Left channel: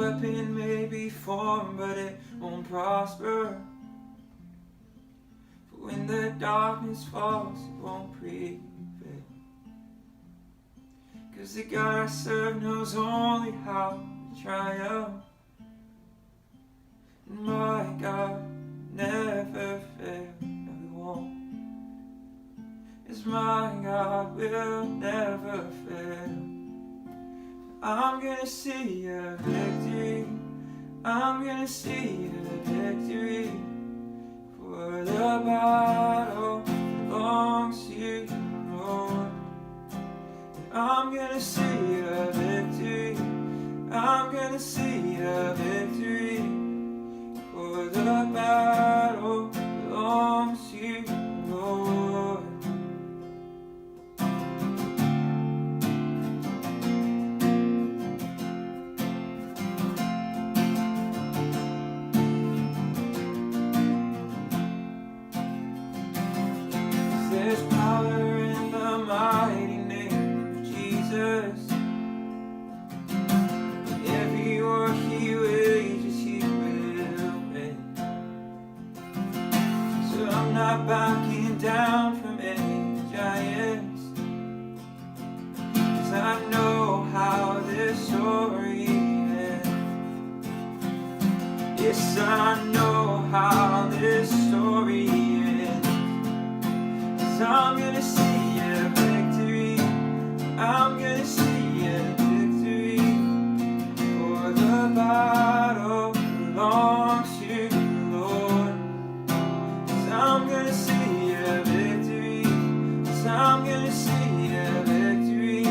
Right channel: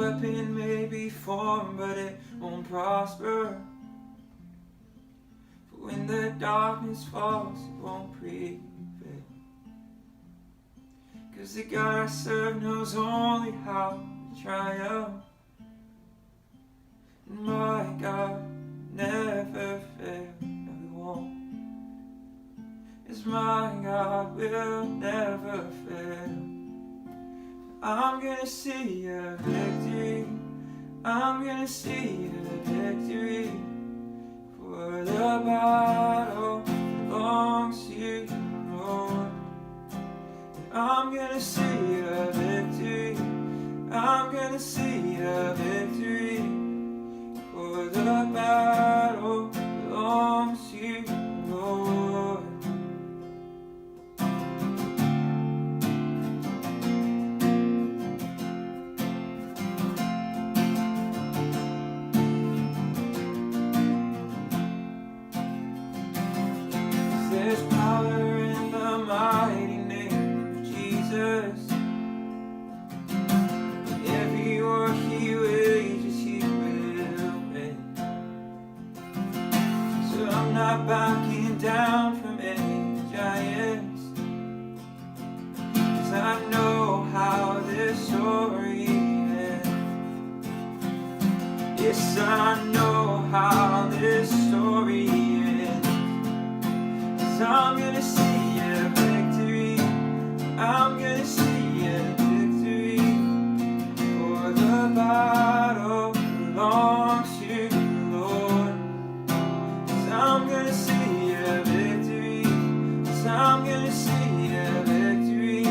weapon may be formed, but it won't prosper. For when the darkness falls, it won't prevail. 'Cause the God I serve knows only how to triumph. And my God never fails, no he won't. Yes, my God will never fail. I'm gonna see a victory. I'm gonna see a victory. For the battle belongs to you, Lord. I'm gonna see a victory. I'm gonna see a victory. For the battle belongs to you, Lord. There's power in the mighty name of Jesus. Every war he wages, he will win. So I'm not backing down from any giants, 'cause I know how this story ends. Yes, I know how this story ends. 'Cause I'm gonna see a victory. I'm gonna see a victory. For the battle belongs to you, Lord. 'Cause I'm gonna see a victory. 'Cause I'm gonna see a victory.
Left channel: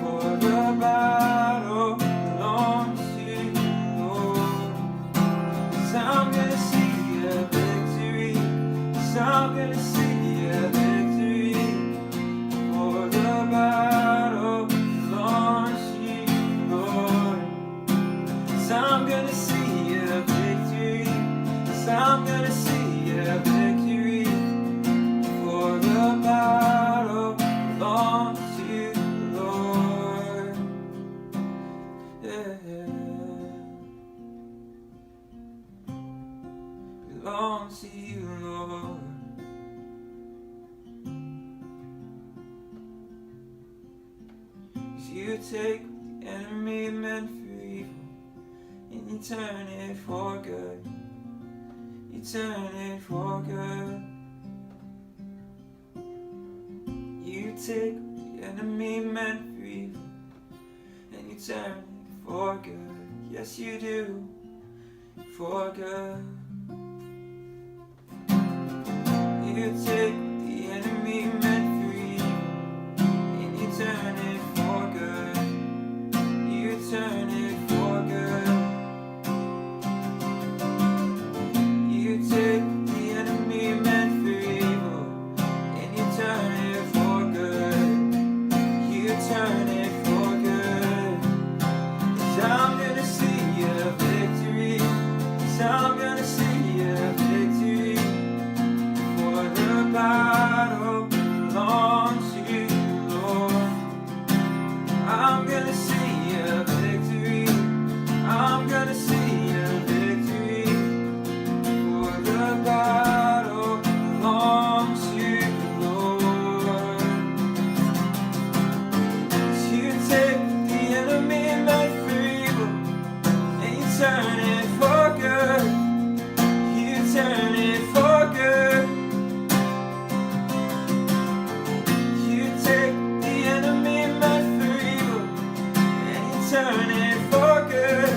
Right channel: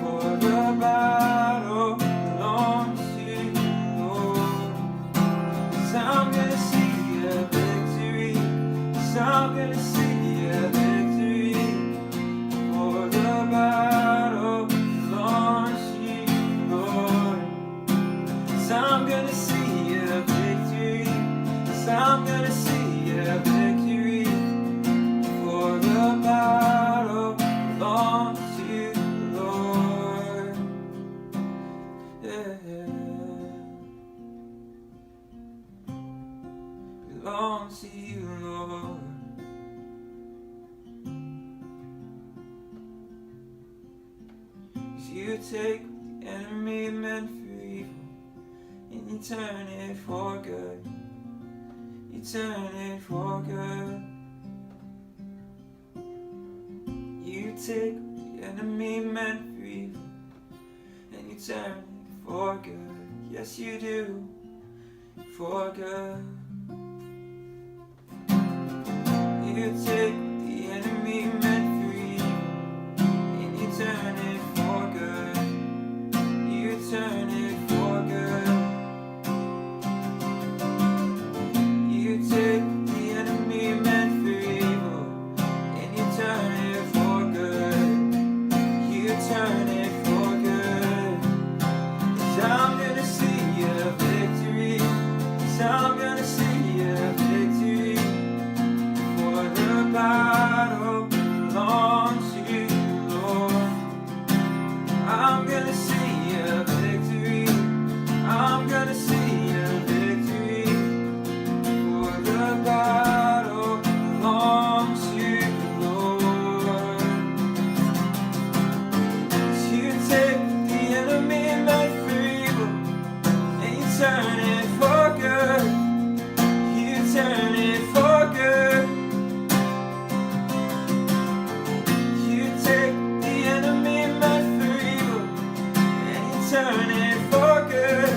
For the battle belongs to you, Lord. 'Cause I'm gonna see a victory. 'Cause I'm gonna see a victory. For the battle belongs to you, Lord. 'Cause I'm gonna see a victory. 'Cause I'm gonna see a victory. For the battle belongs to you, Lord. Yeah. Belongs to you, Lord. You take what the enemy meant for evil, and you turn it for good. You turn it for good. You take what the enemy meant for evil, and you turn it for good. Yes, you do, for good. You take what the enemy meant for evil, and you turn it for good. You turn it for good. You take the enemy meant for evil, and you turn it for good. You turn it for good. 'Cause I'm gonna see a victory. 'Cause I'm gonna see a victory. For the battle belongs to you, Lord. I'm gonna see a victory. I'm gonna see a victory. For the battle belongs to you, Lord. 'Cause you take the enemy meant for evil, and you turn it for good. You turn it for good. You take the enemy meant for evil, and you turn it for good.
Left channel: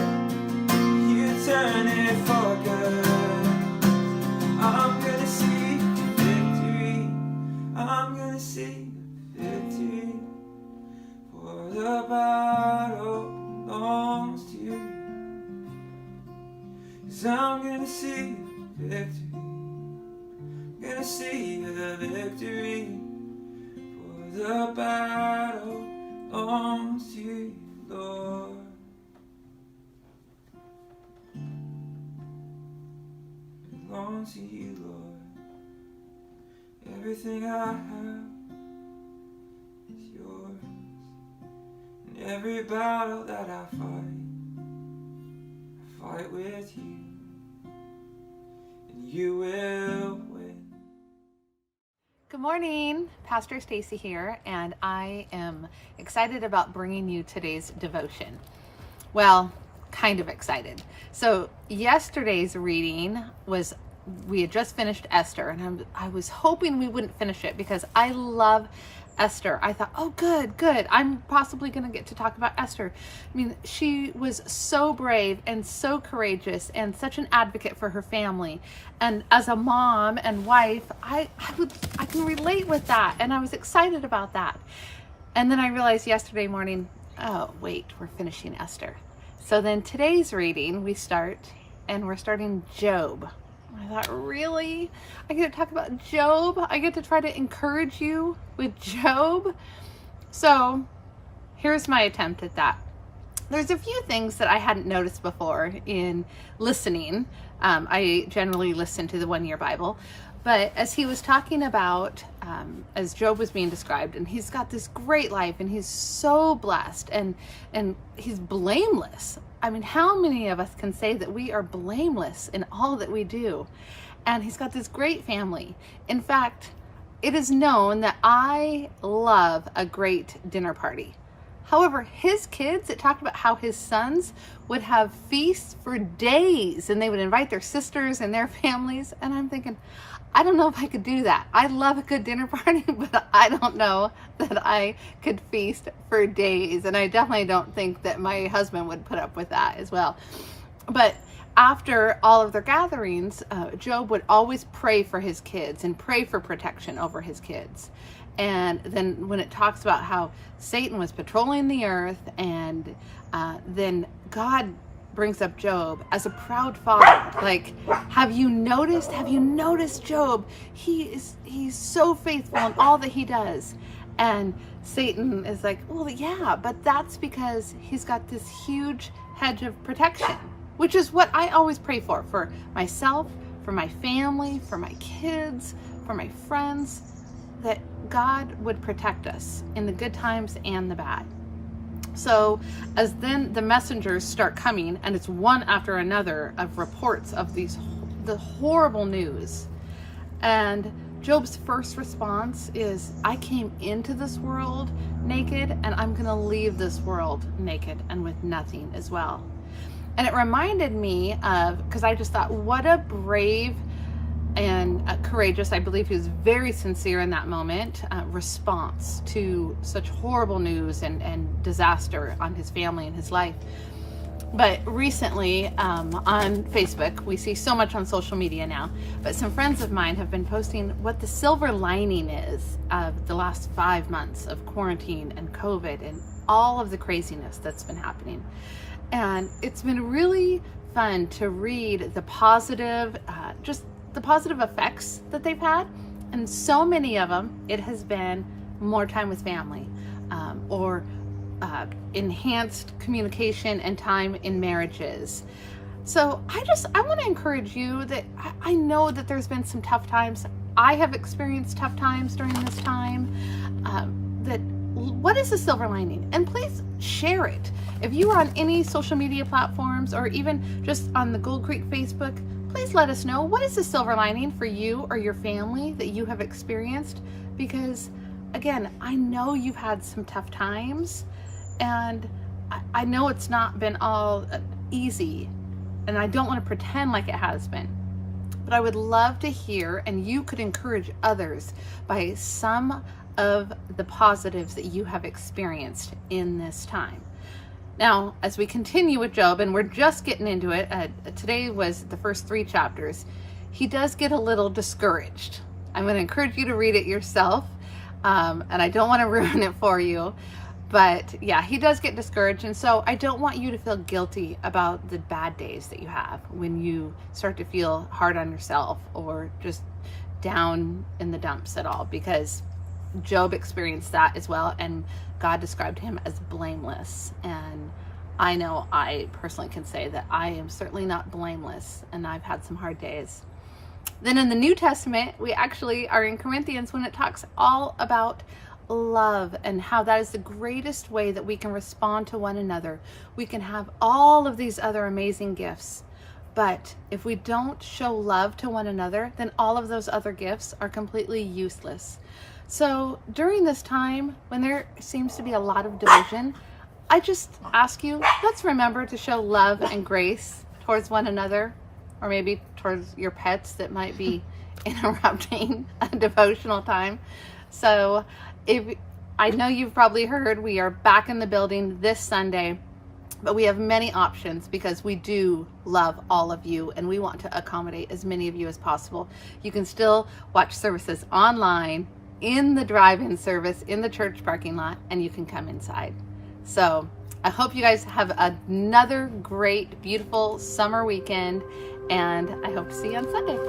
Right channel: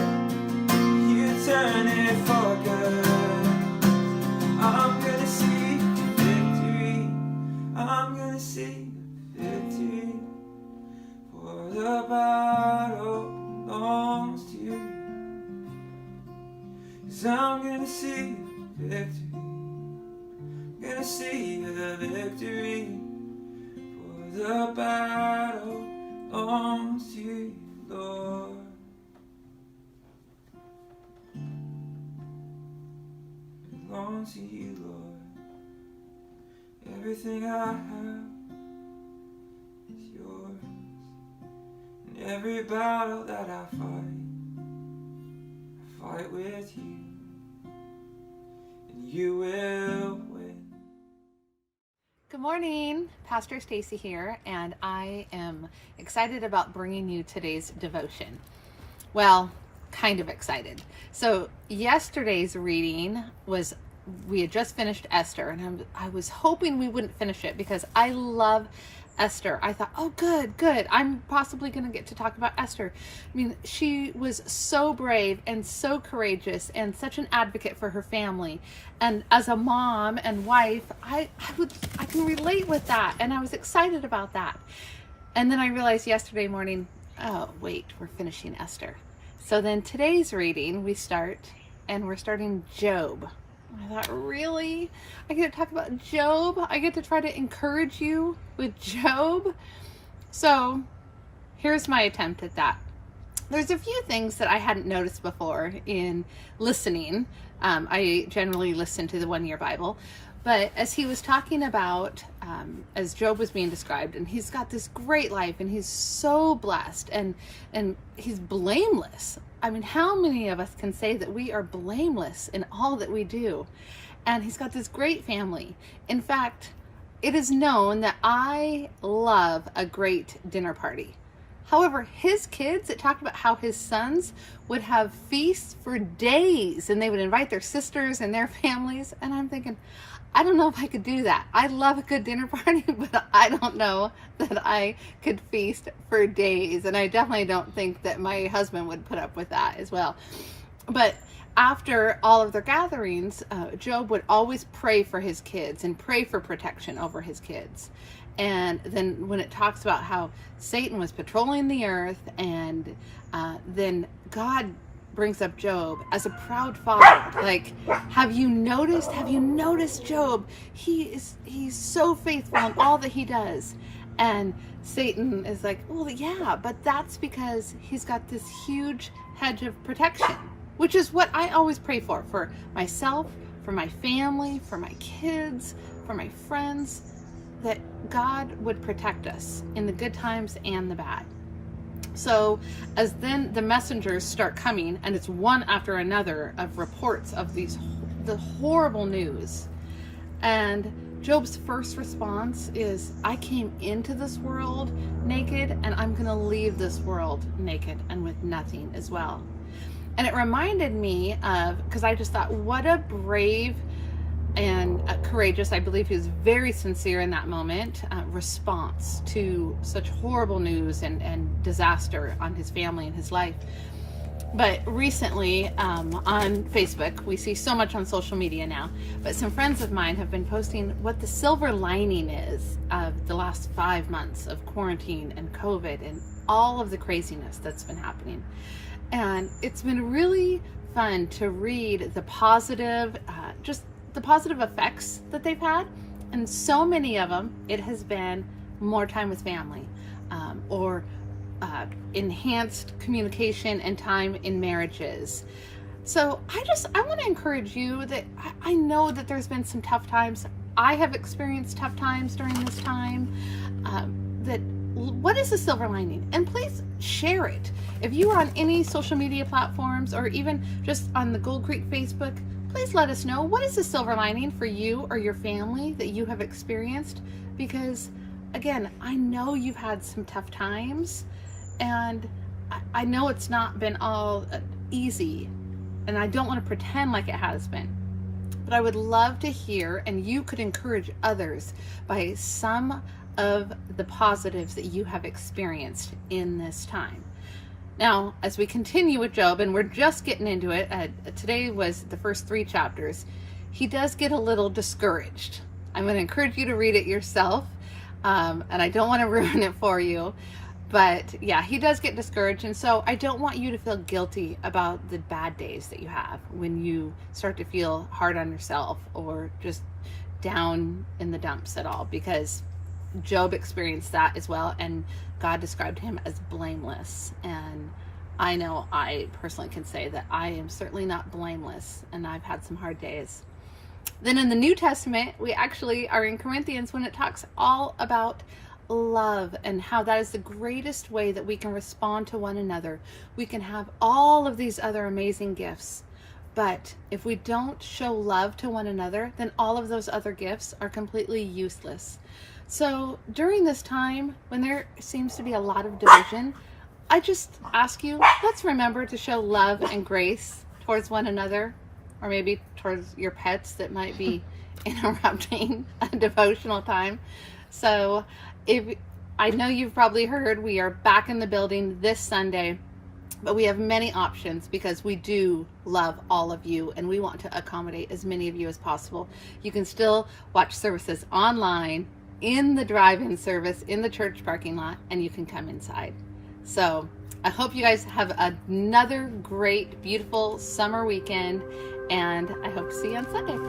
You turn it for good. I'm gonna see victory. I'm gonna see victory. For the battle belongs to you. 'Cause I'm gonna see victory. I'm gonna see the victory. For the battle belongs to you, Lord. Belongs to you, Lord. Everything I have is yours. And every battle that I fight fight with you, and you will win. Good morning, Pastor Stacy here, and I am excited about bringing you today's devotion. Well, kind of excited. So yesterday's reading was, we had just finished Esther, and I was hoping we wouldn't finish it because I love Esther. I thought, oh, good. I'm possibly going to get to talk about Esther. I mean, she was so brave and so courageous and such an advocate for her family. And as a mom and wife, I can relate with that. And I was excited about that. And then I realized yesterday morning, oh, wait, we're finishing Esther. So then today's reading, we're starting Job. I thought, really? I get to talk about Job? I get to try to encourage you with Job? So here's my attempt at that. There's a few things that I hadn't noticed before in listening. I generally listen to the One Year Bible. But as he was talking about, as Job was being described, and he's got this great life, and he's so blessed, and he's blameless. I mean, how many of us can say that we are blameless in all that we do? And he's got this great family. In fact, it is known that I love a great dinner party. However, his kids, it talked about how his sons would have feasts for days, and they would invite their sisters and their families. And I'm thinking, I don't know if I could do that. I love a good dinner party, but I don't know that I could feast for days. And I definitely don't think that my husband would put up with that as well. But after all of their gatherings, Job would always pray for his kids and pray for protection over his kids. And then when it talks about how Satan was patrolling the earth, and then God brings up Job as a proud father. Like, have you noticed Job? He's so faithful in all that he does. And Satan is like, well, yeah, but that's because he's got this huge hedge of protection, which is what I always pray for myself, for my family, for my kids, for my friends, that God would protect us in the good times and the bad. So as then the messengers start coming, and it's one after another of reports of the horrible news. And Job's first response is, I came into this world naked, and I'm going to leave this world naked and with nothing as well. And it reminded me of, because I just thought, what a brave and courageous, I believe he was very sincere in that moment, response to such horrible news and disaster on his family and his life. But recently on Facebook, we see so much on social media now, but some friends of mine have been posting what the silver lining is of the last 5 months of quarantine and COVID and all of the craziness that's been happening. And it's been really fun to read the positive, just the positive effects that they've had. And so many of them, it has been more time with family, or enhanced communication and time in marriages. So I want to encourage you that I know that there's been some tough times. I have experienced tough times during this time. What is the silver lining? And please share it. If you are on any social media platforms, or even just on the Gold Creek Facebook, please let us know, what is the silver lining for you or your family that you have experienced? Because again, I know you've had some tough times, and I know it's not been all easy, and I don't want to pretend like it has been. But I would love to hear, and you could encourage others by some of the positives that you have experienced in this time. Now, as we continue with Job, and we're just getting into it, today was the first 3 chapters, he does get a little discouraged. I'm going to encourage you to read it yourself, and I don't want to ruin it for you. But yeah, he does get discouraged. And so I don't want you to feel guilty about the bad days that you have when you start to feel hard on yourself or just down in the dumps at all, because Job experienced that as well. And God described him as blameless. And I know I personally can say that I am certainly not blameless, and I've had some hard days. Then in the New Testament, we actually are in Corinthians when it talks all about love and how that is the greatest way that we can respond to one another. We can have all of these other amazing gifts, But if we don't show love to one another, then all of those other gifts are completely useless. So during this time when there seems to be a lot of division, I just ask you, let's remember to show love and grace towards one another, or maybe towards your pets that might be interrupting a devotional time. So I know you've probably heard we are back in the building this Sunday, but we have many options because we do love all of you and we want to accommodate as many of you as possible. You can still watch services online, in the drive-in service, in the church parking lot, and you can come inside. So I hope you guys have another great, beautiful summer weekend, and I hope to see you on Sunday.